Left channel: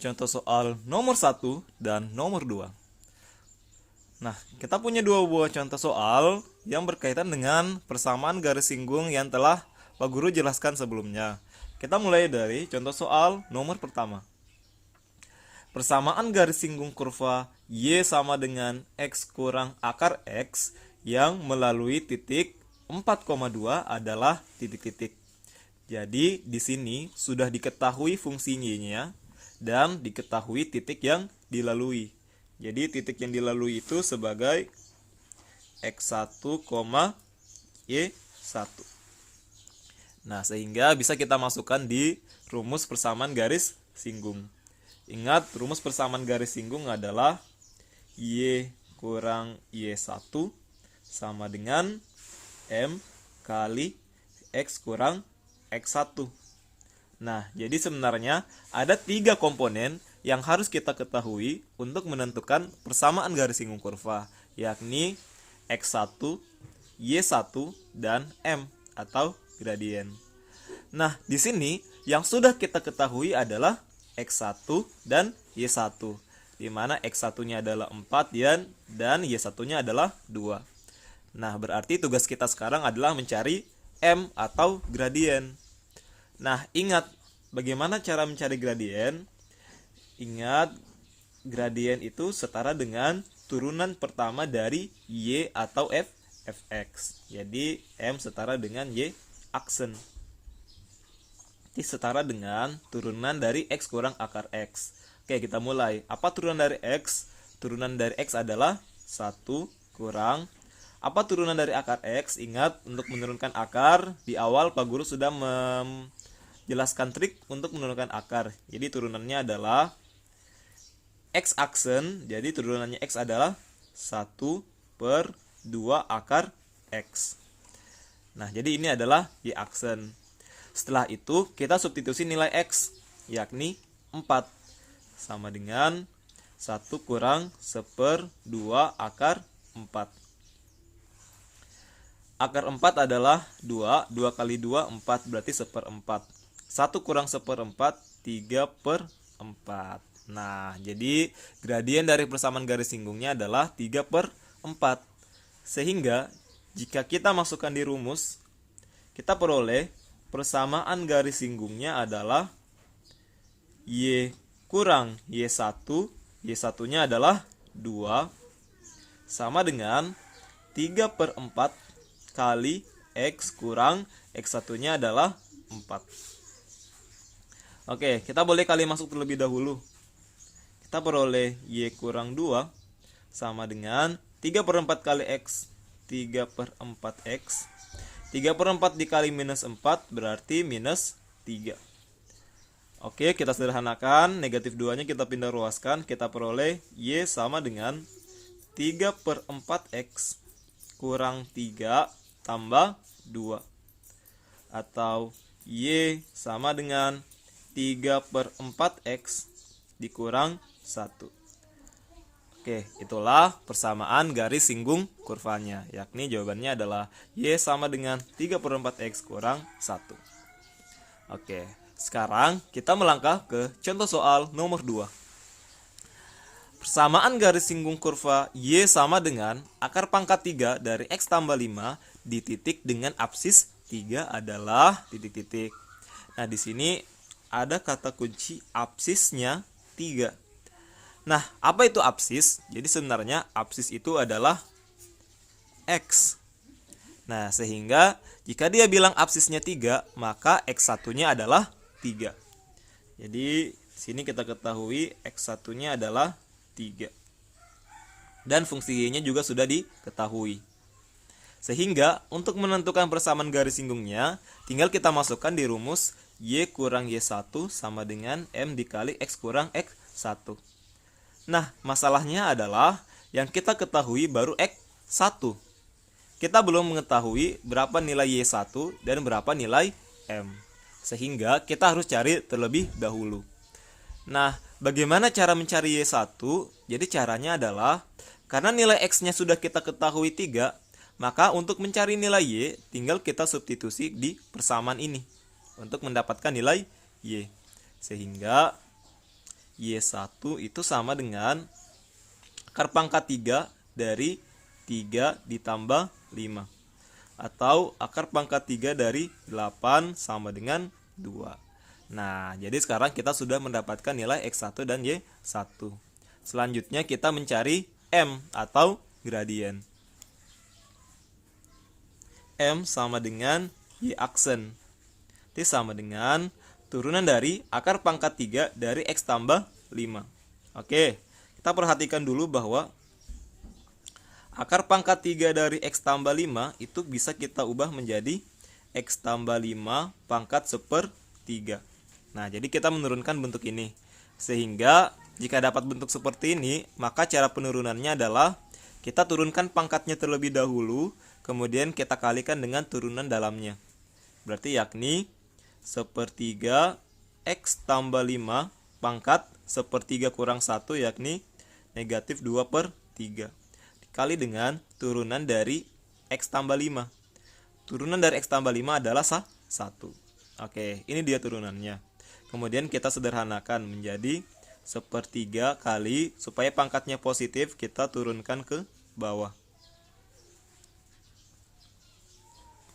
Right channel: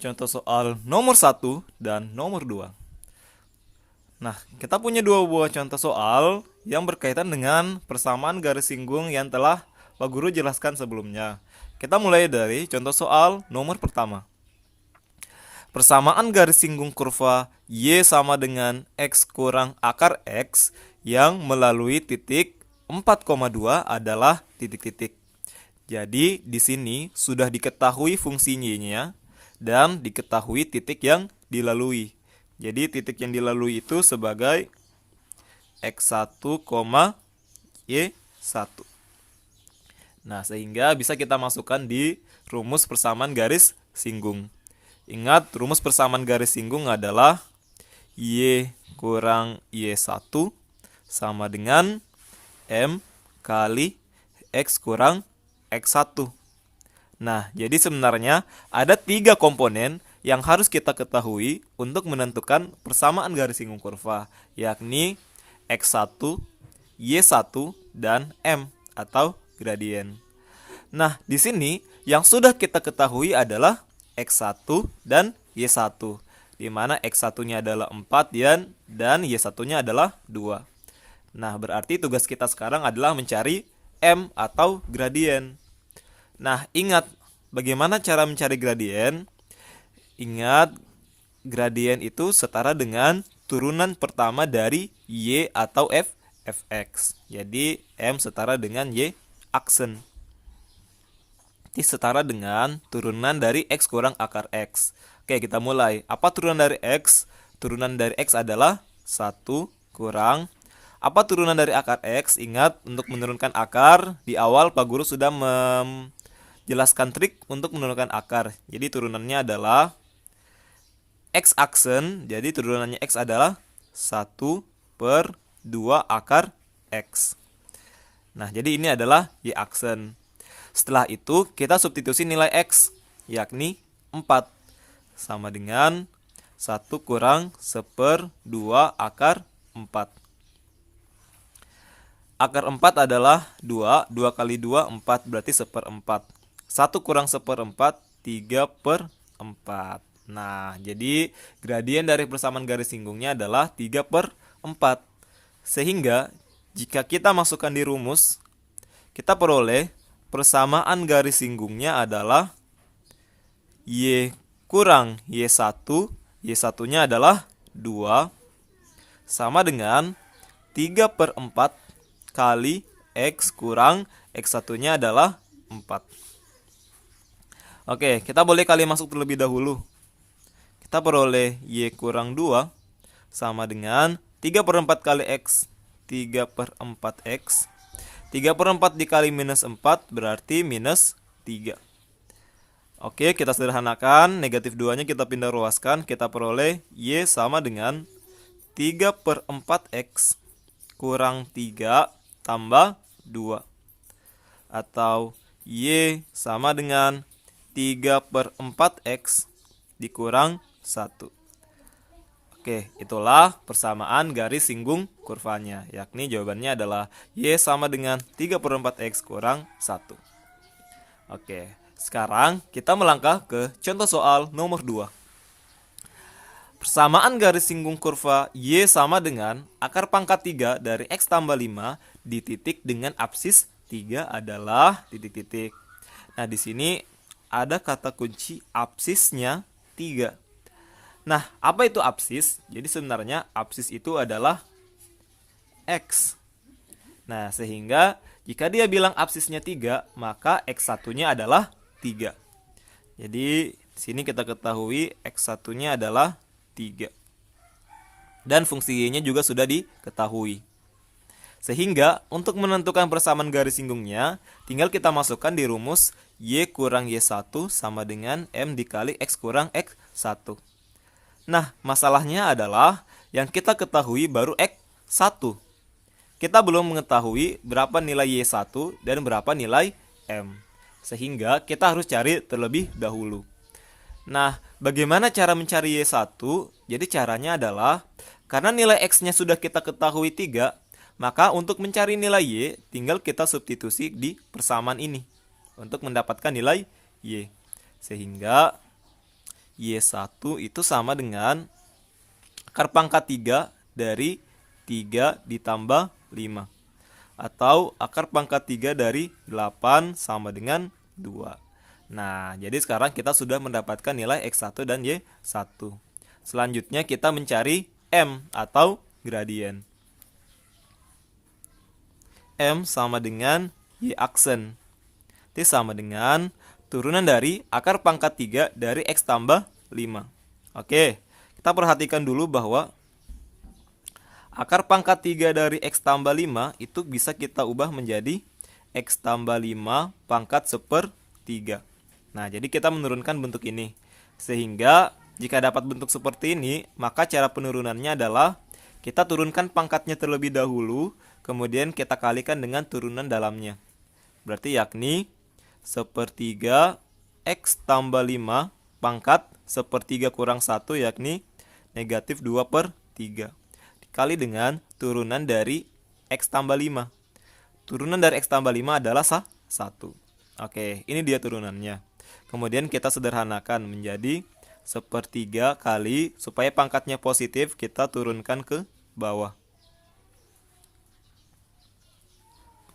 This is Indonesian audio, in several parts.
contoh soal nomor satu dan nomor 2. Nah, kita punya dua buah contoh soal yang berkaitan dengan persamaan garis singgung yang telah Pak Guru jelaskan sebelumnya. Kita mulai dari contoh soal nomor pertama. Persamaan garis singgung kurva Y sama dengan X kurang akar X yang melalui titik 4,2 adalah titik-titik. Jadi di sini sudah diketahui fungsi Y-nya dan diketahui titik yang dilalui. Jadi titik yang dilalui itu sebagai X1, Y1. Nah, sehingga bisa kita masukkan di rumus persamaan garis singgung. Ingat, rumus persamaan garis singgung adalah Y kurang Y1 sama dengan M kali X kurang X1. Nah, jadi sebenarnya ada 3 komponen yang harus kita ketahui untuk menentukan persamaan garis singgung kurva, yakni X1, Y1, dan M atau gradien. Nah, di sini yang sudah kita ketahui adalah X1 dan Y1, di mana X1-nya adalah 4 dan Y1-nya adalah 2. Nah, berarti tugas kita sekarang adalah mencari M atau gradien. Nah, ingat bagaimana cara mencari gradien? Ingat, gradien itu setara dengan turunan pertama dari Y atau Fx. Jadi, M setara dengan Y aksen. Ini setara dengan turunan dari X kurang akar X. Oke, kita mulai. Apa turunan dari X? Turunan dari X adalah 1 kurang. Apa turunan dari akar X? Ingat, untuk menurunkan akar, di awal Pak Guru sudah menjelaskan trik untuk menurunkan akar. Jadi turunannya adalah X aksen, jadi turunannya X adalah 1/2 akar X. Nah, jadi ini adalah Y aksen. Setelah itu, kita substitusi nilai X, yakni 4. Sama dengan 1 kurang 1/2 akar 4. Akar 4 adalah 2, 2 kali 2, 4, berarti 1/4. 1 kurang 1/4, 3/4. Nah, jadi gradien dari persamaan garis singgungnya adalah 3/4. Sehingga, jika kita masukkan di rumus, kita peroleh persamaan garis singgungnya adalah Y kurang Y1, Y1-nya adalah 2, sama dengan 3/4 kali X kurang X1-nya adalah 4. Oke, kita boleh kali masuk terlebih dahulu. Kita peroleh Y kurang 2 sama dengan 3/4 kali X, 3/4X. 3/4 dikali minus 4 berarti minus 3. Oke, kita sederhanakan. Negatif 2-nya kita pindah ruaskan. Kita peroleh Y sama dengan 3/4X kurang 3 tambah 2. Atau Y sama dengan 3/4X dikurang 1. Oke, itulah persamaan garis singgung kurvanya, yakni jawabannya adalah Y sama dengan 3/4X kurang 1. Oke, sekarang kita melangkah ke contoh soal nomor 2. Persamaan garis singgung kurva Y sama dengan akar pangkat 3 dari X tambah 5 di titik dengan apsis 3 adalah titik-titik. Nah, di sini ada kata kunci apsisnya 3. Nah, apa itu apsis? Jadi sebenarnya apsis itu adalah X. Nah, sehingga jika dia bilang apsisnya 3, maka X1-nya adalah 3. Jadi, sini kita ketahui X1-nya adalah 3. Dan fungsi Y-nya juga sudah diketahui. Sehingga, untuk menentukan persamaan garis singgungnya, tinggal kita masukkan di rumus Y kurang Y1 sama dengan M dikali X kurang X1. Nah, masalahnya adalah yang kita ketahui baru X1. Kita belum mengetahui berapa nilai Y1 dan berapa nilai M. Sehingga kita harus cari terlebih dahulu. Nah, bagaimana cara mencari Y1? Jadi caranya adalah, karena nilai X-nya sudah kita ketahui 3, maka untuk mencari nilai Y, tinggal kita substitusi di persamaan ini untuk mendapatkan nilai Y. Sehingga Y1 itu sama dengan akar pangkat 3 dari 3 ditambah 5. Atau akar pangkat 3 dari 8 sama dengan 2. Nah, jadi sekarang kita sudah mendapatkan nilai X1 dan Y1. Selanjutnya kita mencari M atau gradien. M sama dengan Y aksen. Itu sama dengan turunan dari akar pangkat 3 dari X tambah 5. Oke, kita perhatikan dulu bahwa akar pangkat 3 dari X tambah 5 itu bisa kita ubah menjadi X tambah 5 pangkat 1/3. Nah, jadi kita menurunkan bentuk ini. Sehingga jika dapat bentuk seperti ini, maka cara penurunannya adalah kita turunkan pangkatnya terlebih dahulu, kemudian kita kalikan dengan turunan dalamnya. Berarti yakni 1/3 X tambah 5 pangkat 1/3 kurang 1 yakni negatif 2/3. Dikali dengan turunan dari X tambah 5. Turunan dari X tambah 5 adalah 1. Oke, ini dia turunannya. Kemudian kita sederhanakan menjadi 1/3 kali, supaya pangkatnya positif kita turunkan ke bawah.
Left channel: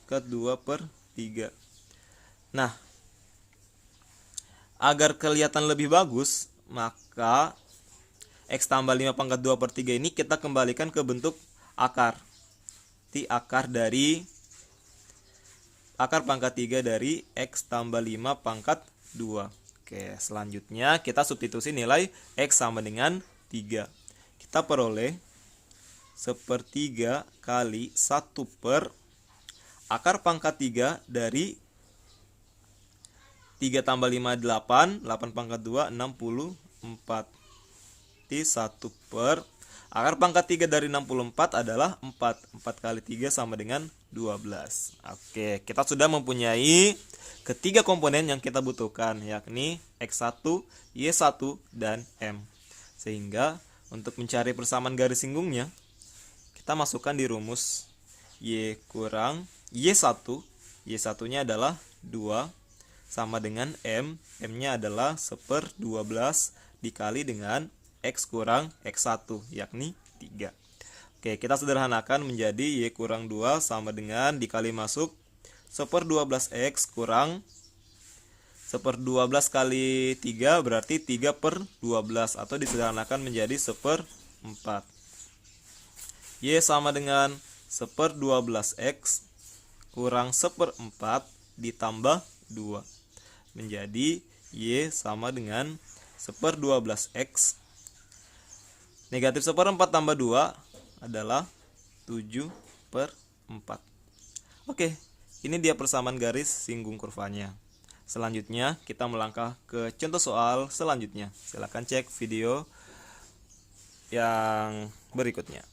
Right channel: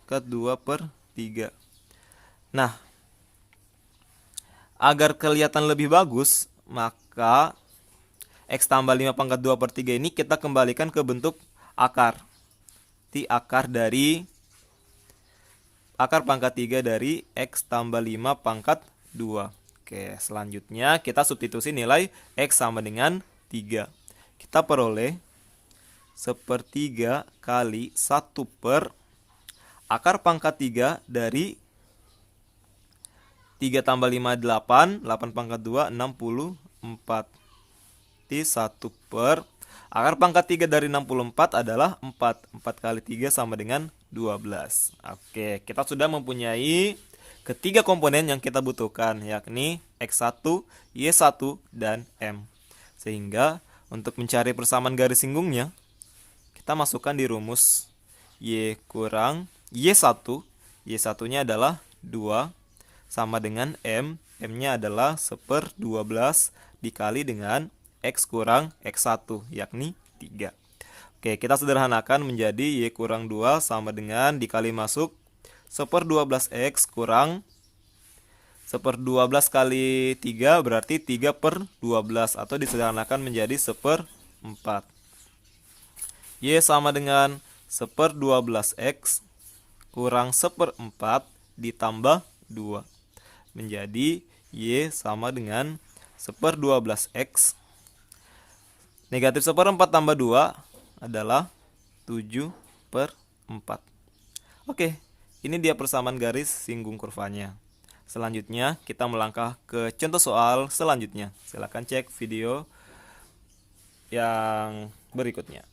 Ke 2/3. Nah, agar kelihatan lebih bagus, maka X tambah 5 pangkat 2/3 ini kita kembalikan ke bentuk akar. Akar dari akar pangkat 3 dari X tambah 5 pangkat 2. Oke, selanjutnya kita substitusi nilai X sama dengan 3. Kita peroleh 1/3 kali 1 per akar pangkat 3 dari 3 tambah 5 8, 8 pangkat 2 64. Di 1 per akar pangkat 3 dari 64 adalah 4. 4 kali 3 sama dengan 12. Oke, kita sudah mempunyai ketiga komponen yang kita butuhkan, yakni X1, Y1, dan M. Sehingga untuk mencari persamaan garis singgungnya, kita masukkan di rumus Y kurang Y1. Y1-nya adalah 2 sama dengan M. M-nya adalah 1/12 dikali dengan X kurang X1, yakni 3. Oke, kita sederhanakan menjadi Y kurang 2 sama dengan dikali masuk 1/12 X kurang 1/12 kali 3 berarti 3/12, atau disederhanakan menjadi 1/4. Y sama dengan 1/12 X kurang 1/4 ditambah 2. Menjadi Y sama dengan 1/12 X. Negatif 1/4 tambah 2 adalah 7/4. Oke, ini dia persamaan garis singgung kurvanya. Selanjutnya kita melangkah ke contoh soal selanjutnya. Silakan cek video yang berikutnya.